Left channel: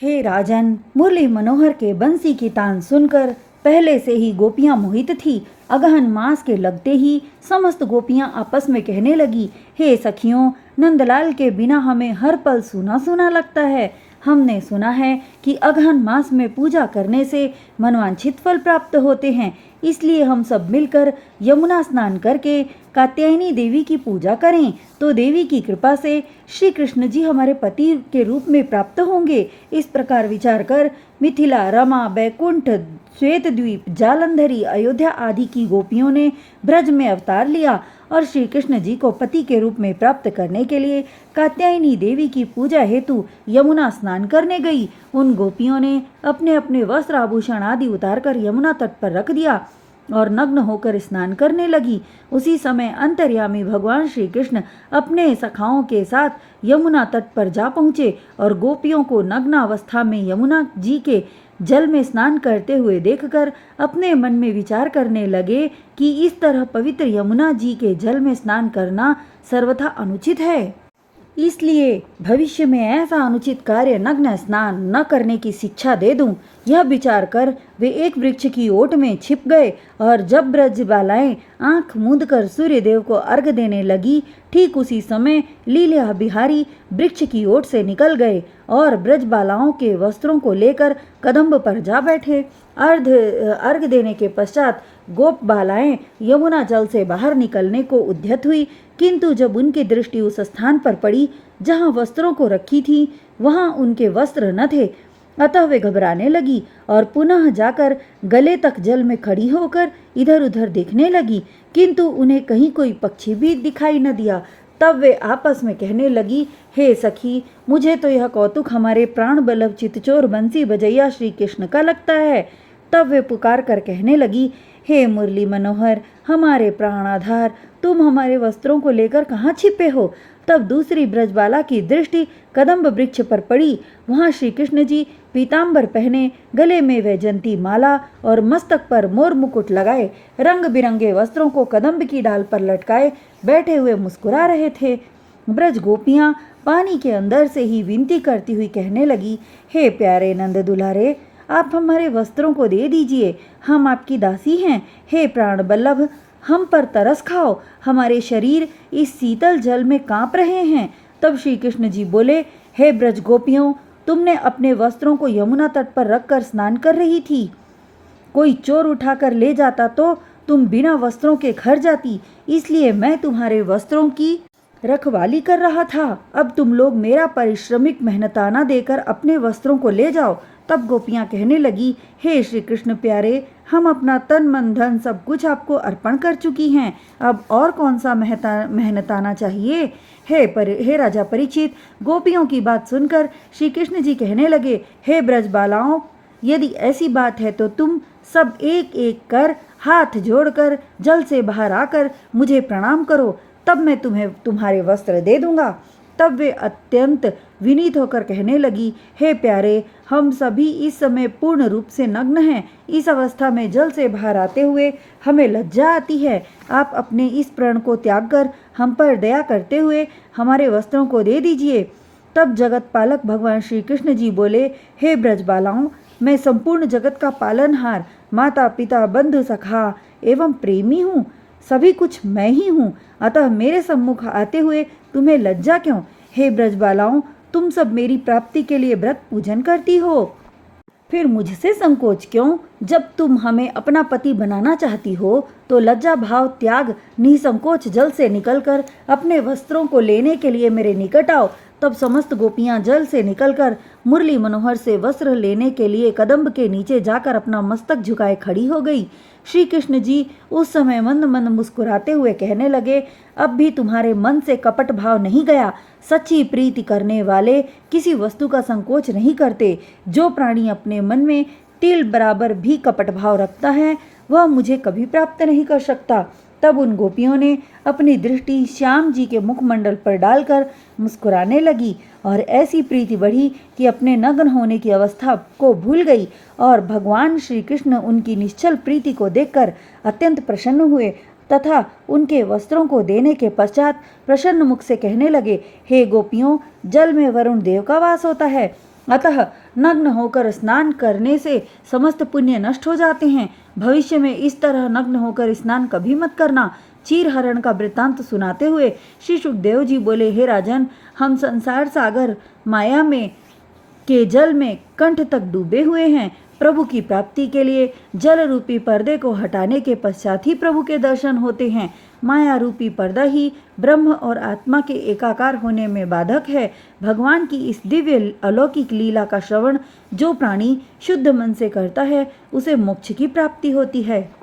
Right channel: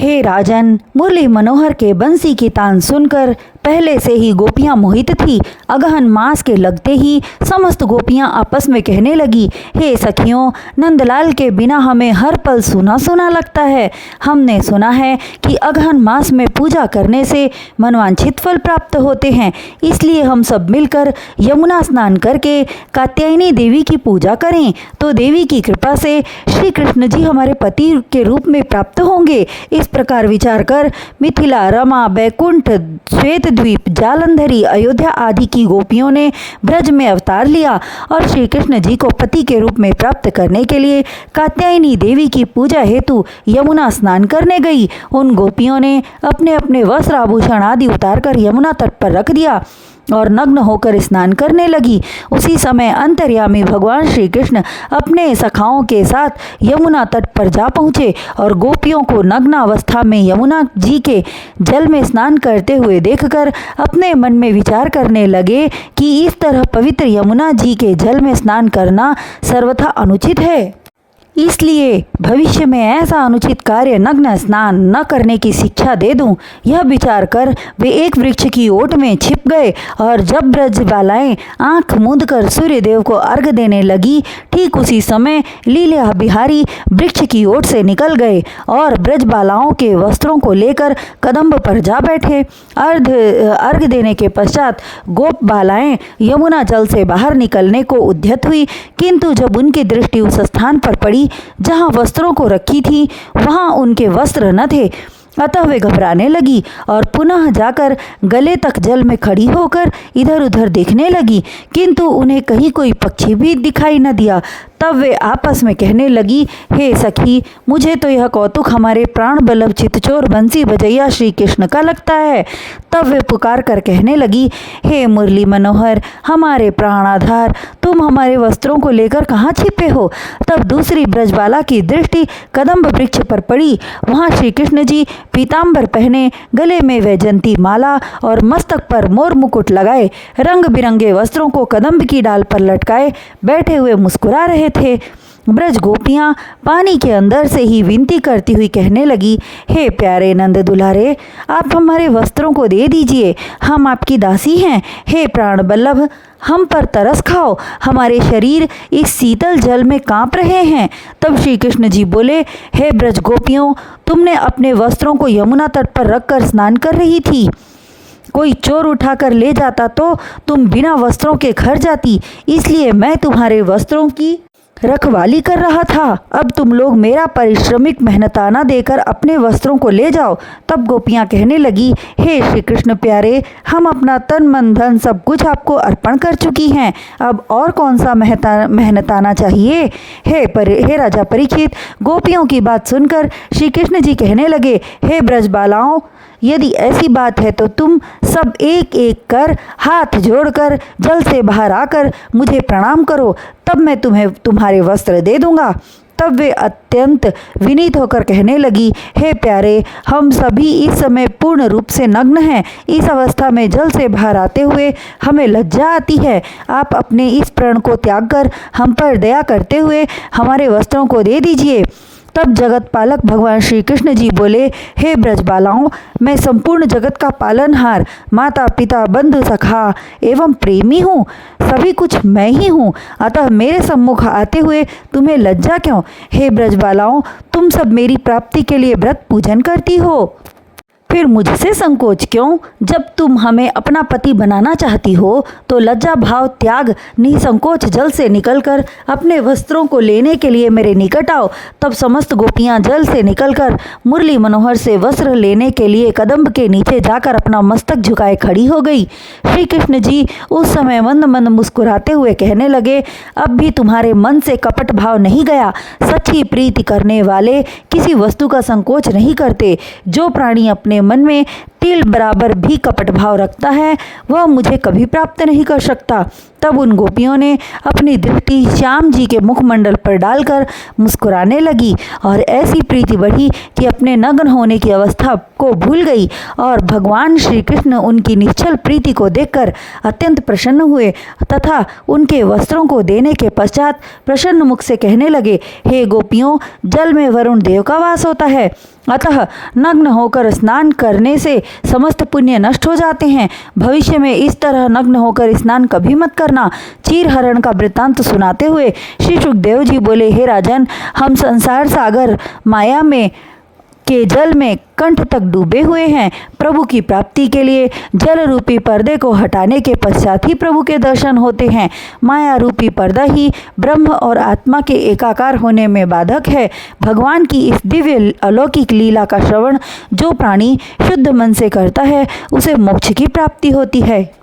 हे राजन, मुरली मनोहर के बंसी की तान सुनकर पहले से ही गोपियां मोहित थी। अगहन मास के लगते ही समस्त गोपियां आपस में कहने लगी, हे सखियों, नंदलाल के बिना हमें हर पल सूना सूना लगता है। हमने सुना है कि अगहन मास में पूजा करने से मनवांछित फल प्राप्त होते हैं, इसलिए हम सब मिलकर यमुना स्नान करके कात्यायनी देवी की पूजा करें तो देवी की कृपा से श्री कृष्ण जी हमारे पति के रूप में प्राप्त होंगे। इस प्रकार विचार कर मिथिला, रमा, बैकुंठ, श्वेत द्वीप, जालंधरी, अयोध्या आदि की गोपियों ने ब्रज में अवतार लिया और श्री कृष्ण जी को पति के रूप में प्राप्त करने के लिए कात्यायनी देवी की पूजा हेतु यमुना स्नान करने गई। उन गोपियों ने अपने अपने वस्त्र आभूषण आदि उतारकर यमुना तट पर रख दिया और नग्न होकर स्नान करने लगी। उसी समय अंतर्यामी भगवान श्री कृष्ण अपने सखाओं के साथ यमुना तट पर जा पहुँचे और गोपियों को नग्न अवस्था में यमुना जी के जल में स्नान करते हुए देखकर अपने मन में विचार करने लगे कि इस तरह पवित्र यमुना जी के जल में स्नान करना सर्वथा अनुचित है, इसलिए भविष्य में ऐसा अनुचित कार्य नग्न स्नान न करने की शिक्षा दे दूं। यह विचार कर वे एक वृक्ष की ओट में छिप गए और जब ब्रजबालाएं आंख मूंदकर सूर्य देव को अर्घ देने लगी, ठीक उसी समय लीला बिहारी वृक्ष की ओट से निकल गए और ब्रजबालाओं के वस्त्रों को लेकर कदम्ब पर जा बैठे। अर्घ देने के पश्चात गोप बालाएं यमुना जल से बाहर निकलने को उद्यत हुई, किंतु जब उनकी दृष्टि उस स्थान पर पड़ी जहां वस्त्रों को रखी थी, वहां उनके वस्त्र न थे। अतः वे घबराने लगी और पुनः जाकर गले तक जल में खड़ी होकर इधर उधर देखने लगी, किंतु उन्हें कहीं कोई पक्षी भी दिखाई न दिया। तब वे आपस में कहने लगी, हे सखी, मुझे तो यह कौतुक हमारे प्राण बल्लभ चितचोर बंसी बजैया श्री कृष्ण का लगता है। तब वे पुकार कर कहने लगी, हे मुरली मनोहर, हमारे प्राणाधार, तुम हमारे वस्त्रों को लेकर कहाँ छिपे हो। तब दूसरी ब्रजबाला की दृष्टि कदम्ब वृक्ष पर पड़ी। वहाँ श्री कृष्ण जी पीताम्बर पहने, गले में वैजंती माला और मस्तक पर मोर मुकुट लगाए, रंग बिरंगे वस्त्रों को कदम्ब की डाल पर लटकाए बैठे हुए मुस्कुरा रहे थे। ब्रज गोपियां पानी के अंदर से ही विनती करती हुई कहने लगी, हे प्यारे नंद दुलारे, आप हमारे वस्त्रों को दे दीजिए, हम आपकी दासी हैं। हे प्राण बल्लभ, हम पर तरस खाओ, हमारे शरीर इस शीतल जल में कांप रहे हैं। तब श्री कृष्ण जी बोले, हे ब्रज गोपियों, तुमने अपने वस्त्रों को यमुना तट पर रखकर स्नान कर रही थी, कोई चोर उठाकर ले जाता तो तुम बिना वस्त्रों के घर जाती, इसलिए मैं तुम्हारे वस्त्रों की रखवाली कर रहा था। अब तुम लोग मेरा परिश्रमिक मेहनताना देकर अपने वस्त्रों को ले जाओ। तब गोपियां कहने लगी, हे श्री कृष्ण प्यारे, हम अपना तन मन धन सब कुछ आपको अर्पण कर चुकी हैं, अब और कौन सा मेहनताना चाहिए। हे राजा परीक्षित, गोपियों की बात सुनकर श्री कृष्ण जी कहने लगे, हे ब्रजबालाओं, यदि ऐसी बात है तो तुम सब एक एक कर हाथ जोड़कर जल से बाहर आकर मुझे प्रणाम करो, तब मैं तुम्हें तुम्हारे वस्त्र दे दूंगा। तब वे अत्यंत विनीत होकर कहने लगी, हे प्यारे, हम सभी इस समय पूर्ण रूप से नग्न हैं, इस अवस्था में जल से बाहर आते हुए हमें लज्जा आती है। आप अपने इस प्रण को त्याग कर हम पर दया करते हुए हमारे वस्त्रों को दे दीजिए। तब जगत पालक भगवान श्री कृष्ण जी बोले, हे ब्रजबालाओं, मैं संपूर्ण जगत का पालनहार, माता पिता बंधु सखा एवं प्रेमी हूँ, सभी कुछ मैं ही हूँ, अतः मेरे सम्मुख आते हुए तुम्हें लज्जा क्यों। हे ब्रजबालाओं, तुम सब मेरी प्राप्ति के लिए व्रत पूजन करती हो, फिर मुझसे संकोच क्यों। जब तुम हमें अपना पति बनाना चाहती हो तो लज्जा भाव त्याग निसंकोच जल से निकलकर अपने वस्त्रों को लेने के लिए मेरे निकट आओ। तब समस्त गोपियां जल से निकलकर मुरली मनोहर से वस्त्र लेने के लिए कदम्ब के नीचे जाकर अपना मस्तक झुकाए खड़ी हो गई। श्री कृष्ण जी उस समय मंद मंद मुस्कुराते हुए कहने लगे, अब भी तुम्हारे मन से कपट भाव नहीं गया। सच्ची प्रीति करने वाले किसी वस्तु का संकोच नहीं करते। जो प्राणी अपने मन में तिल बराबर भी कपट भाव रखता है वह मुझे कभी प्राप्त नहीं कर सकता। तब उन गोपियों ने अपनी दृष्टि श्याम जी के मुखमंडल पर डालकर मुस्कुराने लगी और ऐसी प्रीति बढ़ी कि अपने नग्न होने की अवस्था को भूल गई और भगवान श्री कृष्ण उनकी निश्चल प्रीति को देखकर अत्यंत प्रसन्न हुए तथा उनके वस्त्रों को देने के पश्चात प्रसन्न मुख से कहने लगे, हे गोपियों, जल में वरुण देव का वास होता है, अतः नग्न होकर स्नान करने से समस्त पुण्य नष्ट हो जाते हैं। भविष्य में इस तरह नग्न होकर स्नान कभी मत करना। चीरहरण का वृत्तांत सुनाते हुए श्री सुखदेव जी बोले, हे राजन, हम संसार सागर माया में के जल में कंठ तक डूबे हुए हैं। प्रभु की प्राप्ति के लिए जल रूपी पर्दे को हटाने के पश्चात ही प्रभु के दर्शन होते हैं। माया रूपी पर्दा ही ब्रह्म और आत्मा के एकाकार होने में बाधक है। भगवान की इस दिव्य अलौकिक लीला का श्रवण जो प्राणी शुद्ध मन से करता है उसे मोक्ष की प्राप्ति होती है।